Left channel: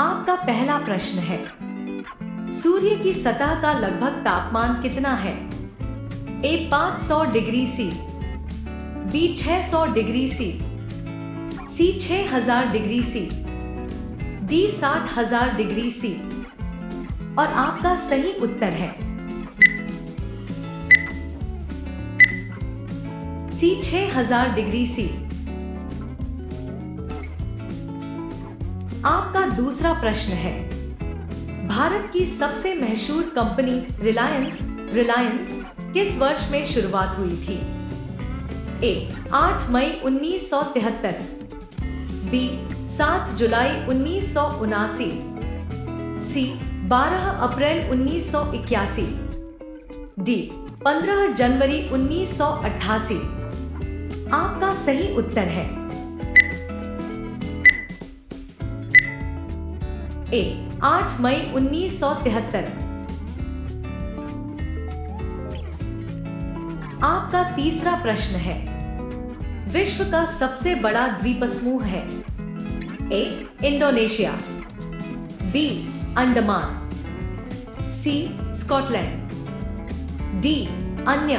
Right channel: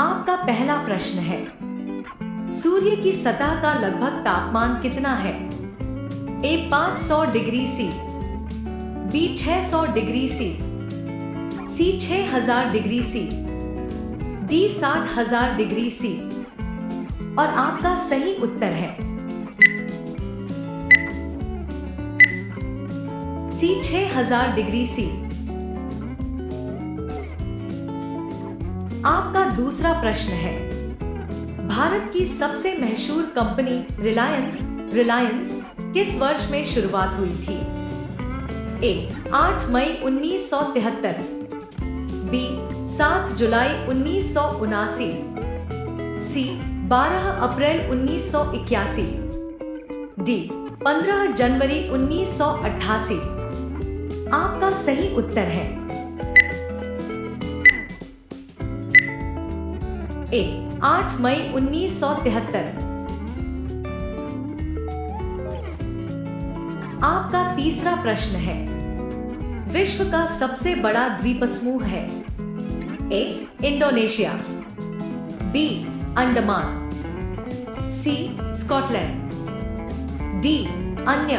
आपका पहला प्रश्न है, सूर्य की सतह का लगभग तापमान कितना है? A 500 degree C, b 600 degree C, c 6000 degree C, d 60,000 degree C. और आपका सही उत्तर है सी 6000 डिग्री सी। आपका दूसरा प्रश्न है, भारत की सबसे मशहूर कंपनी रिलायंस किस वर्ष में शुरुआत हुई थी? ए 8 मई 1973, बी 7 जुलाई 1979, सी 12 अप्रैल 1981, डी 15 जनवरी 1988। आपका सही उत्तर है ए 8 मई 1973। आपका तीसरा प्रश्न है, विश्व का सबसे बड़ा द्वीपसमूह है? ए इंडोनेशिया, बी अंडमान, सी स्कॉटलैंड, डी अन्य।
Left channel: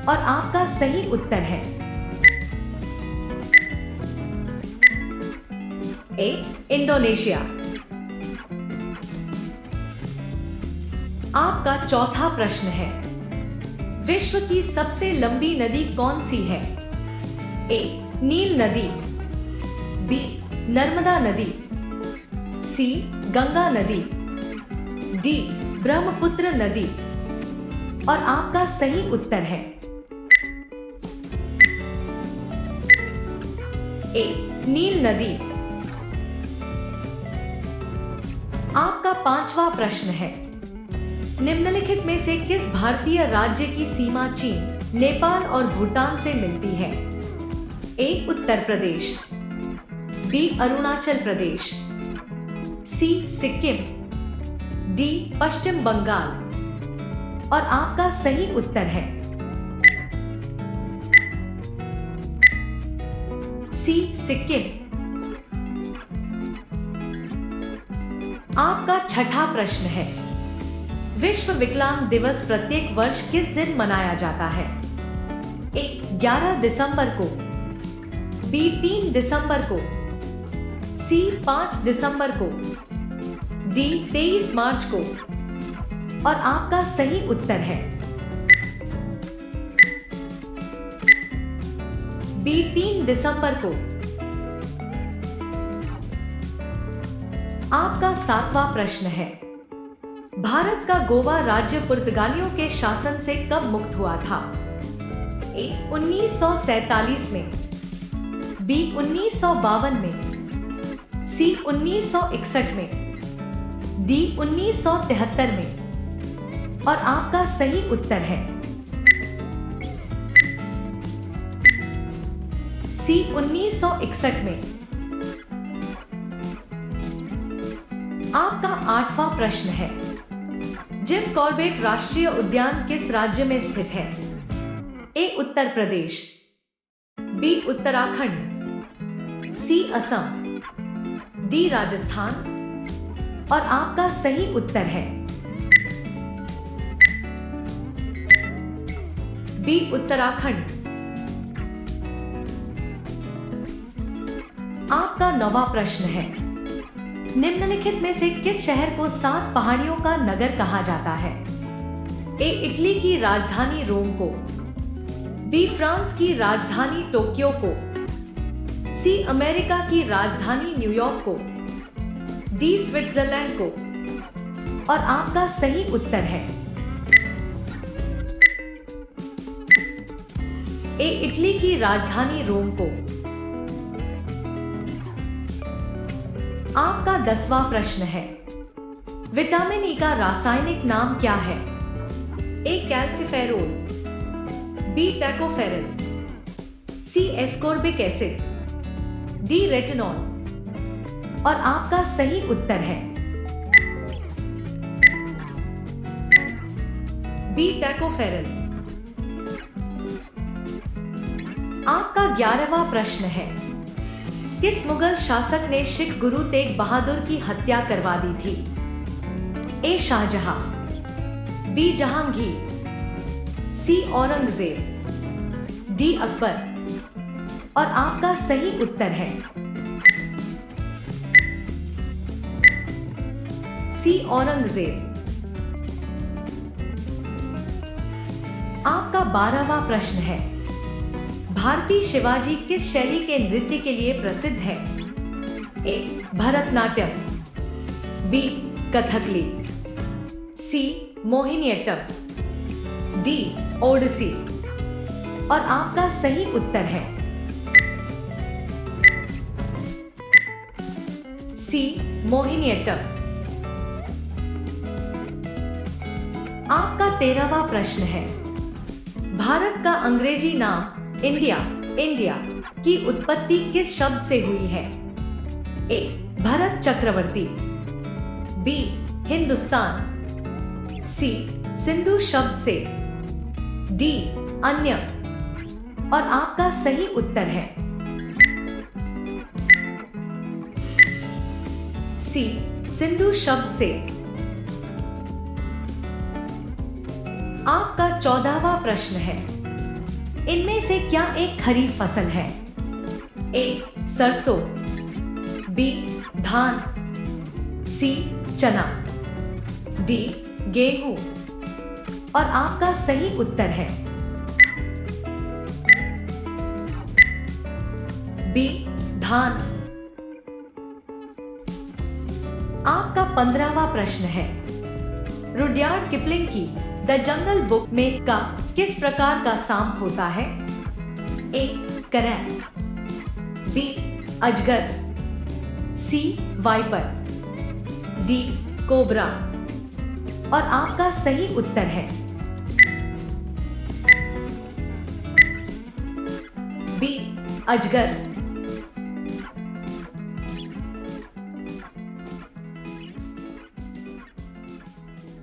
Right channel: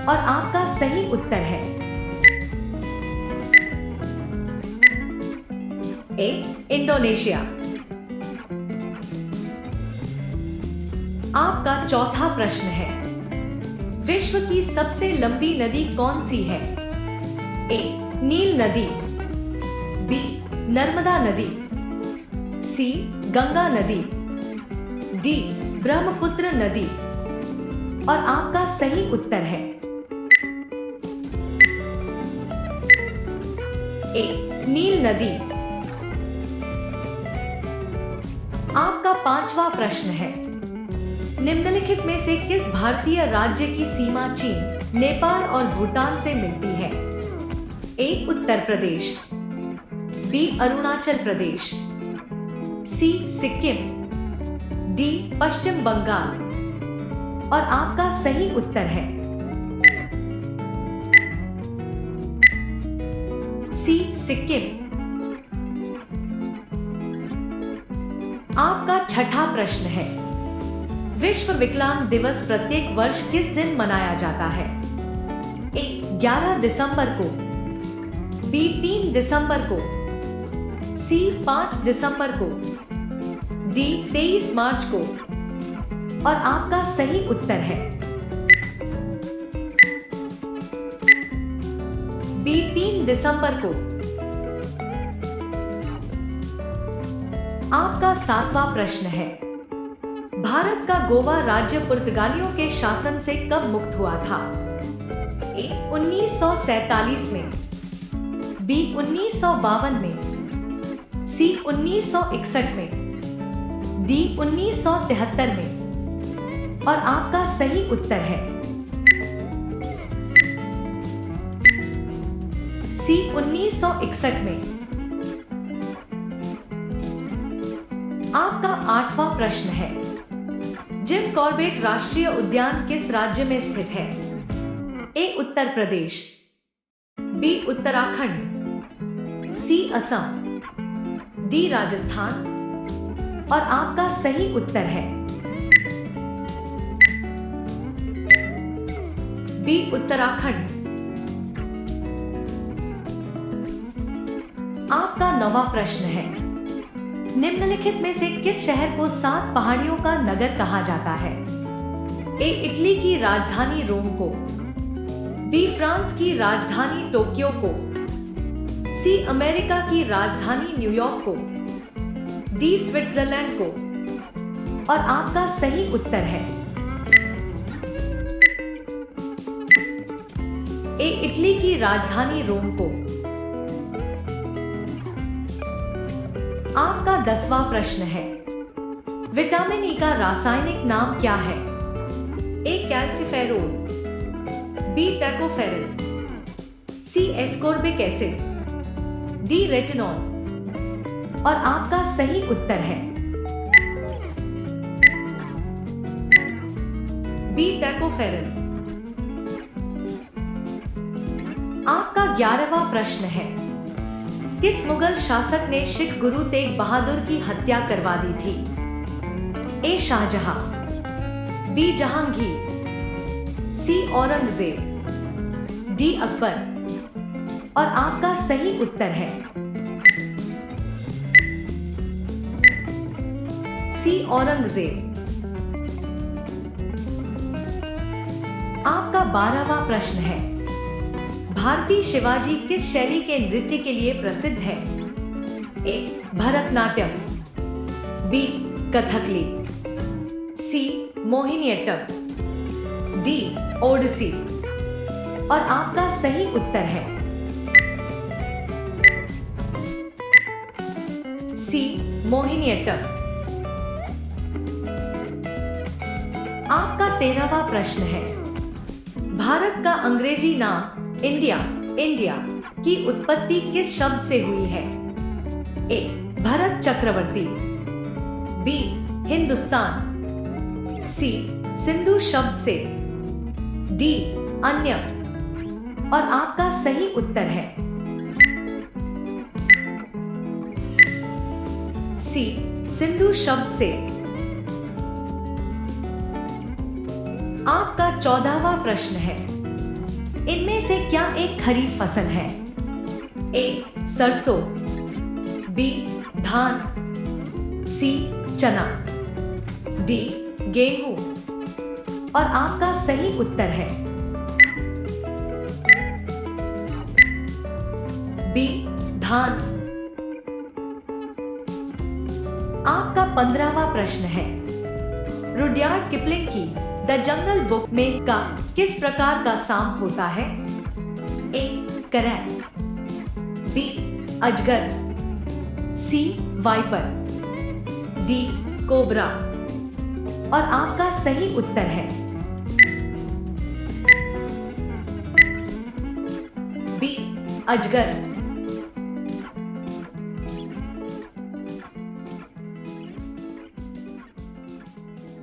और आपका सही उत्तर है ए इंडोनेशिया। आपका चौथा प्रश्न है, विश्व की सबसे लंबी नदी कौन सी है? ए नील नदी, बी नर्मदा नदी, सी गंगा नदी, डी ब्रह्मपुत्र नदी। और आपका सही उत्तर है ए नील नदी। आपका पांचवा प्रश्न है, निम्नलिखित में से किस भारतीय राज्य की सीमा चीन, नेपाल और भूटान से मिलती है? ए उत्तर प्रदेश, बी अरुणाचल प्रदेश, सी सिक्किम, डी पश्चिम बंगाल। और आपका सही उत्तर है सी सिक्किम। आपका छठा प्रश्न है, विश्व विकलांग दिवस प्रत्येक वर्ष किस दिन मनाया जाता है? ए 11 दिसंबर को, बी 3 दिसंबर को, सी 5 दिसंबर को, डी 23 मार्च को। और आपका सही उत्तर है बी 3 दिसंबर को। आपका सातवां प्रश्न है, भारत का गोवा राज्य पुर्तगालियों के शासन से कब मुक्त हुआ था? ए 1947 में, बी 1952 में, सी 1961 में, डी 1973 में। और आपका सही उत्तर है सी 1961 में। आपका आठवां प्रश्न है, जिम कॉर्बेट राष्ट्रीय उद्यान किस राज्य में स्थित है? ए उत्तर प्रदेश, बी उत्तराखंड, सी असम, डी राजस्थान। और आपका सही उत्तर है बी उत्तराखंड। आपका नौवां प्रश्न है, निम्नलिखित में से किस शहर को 7 पहाड़ियों का नगर कहा जाता है? ए इटली की राजधानी रोम को, बी फ्रांस की राजधानी टोक्यो को, सी अमेरिका की राजधानी न्यूयॉर्क को, डी स्विट्जरलैंड को। और आपका सही उत्तर है ए इटली की राजधानी रोम को। आपका 10वां प्रश्न है, विटामिन ई का रासायनिक नाम क्या है? ए कैल्सिफेरोल, बी टैकोफेरिल, सी एस्कोर्बिक एसिड, डी रेटिनॉल। और आपका सही उत्तर है बी टैकोफेरिल। आपका 11वां प्रश्न है, किस मुगल शासक ने सिख गुरु तेग बहादुर की हत्या करवा दी थी? ए शाहजहां, बी जहांगीर, सी औरंगजेब, डी अकबर। और आपका सही उत्तर है सी औरंगजेब। आपका 12वां प्रश्न है, भारतीय शिवाजी किस शैली के नृत्य के लिए प्रसिद्ध है? ए भरतनाट्यम, बी कथकली, सी मोहिनीअट्टम, डी ओडिसी। और आपका सही उत्तर है सी मोहिनीअट्टम। आपका 13वां प्रश्न है, भारत का अंग्रेजी नाम इंडिया की उत्पत्ति किस शब्द से हुई है? ए भरत चक्रवर्ती, बी हिंदुस्तान, सी सिंधु शब्द से, डी अन्य। और आपका सही उत्तर है सी सिंधु शब्द से। आपका 14वां प्रश्न है, इनमें से क्या एक खरीफ फसल है? ए सरसों, बी धान, सी चना, डी गेहूं। और आपका सही उत्तर है बी धान। आपका 15वां प्रश्न है, रुडयार्ड किपलिंग की द जंगल बुक में का किस प्रकार का सांप होता है? ए करैब, बी अजगर, सी वाइपर, डी कोबरा। और आपका सही उत्तर है बी अजगर।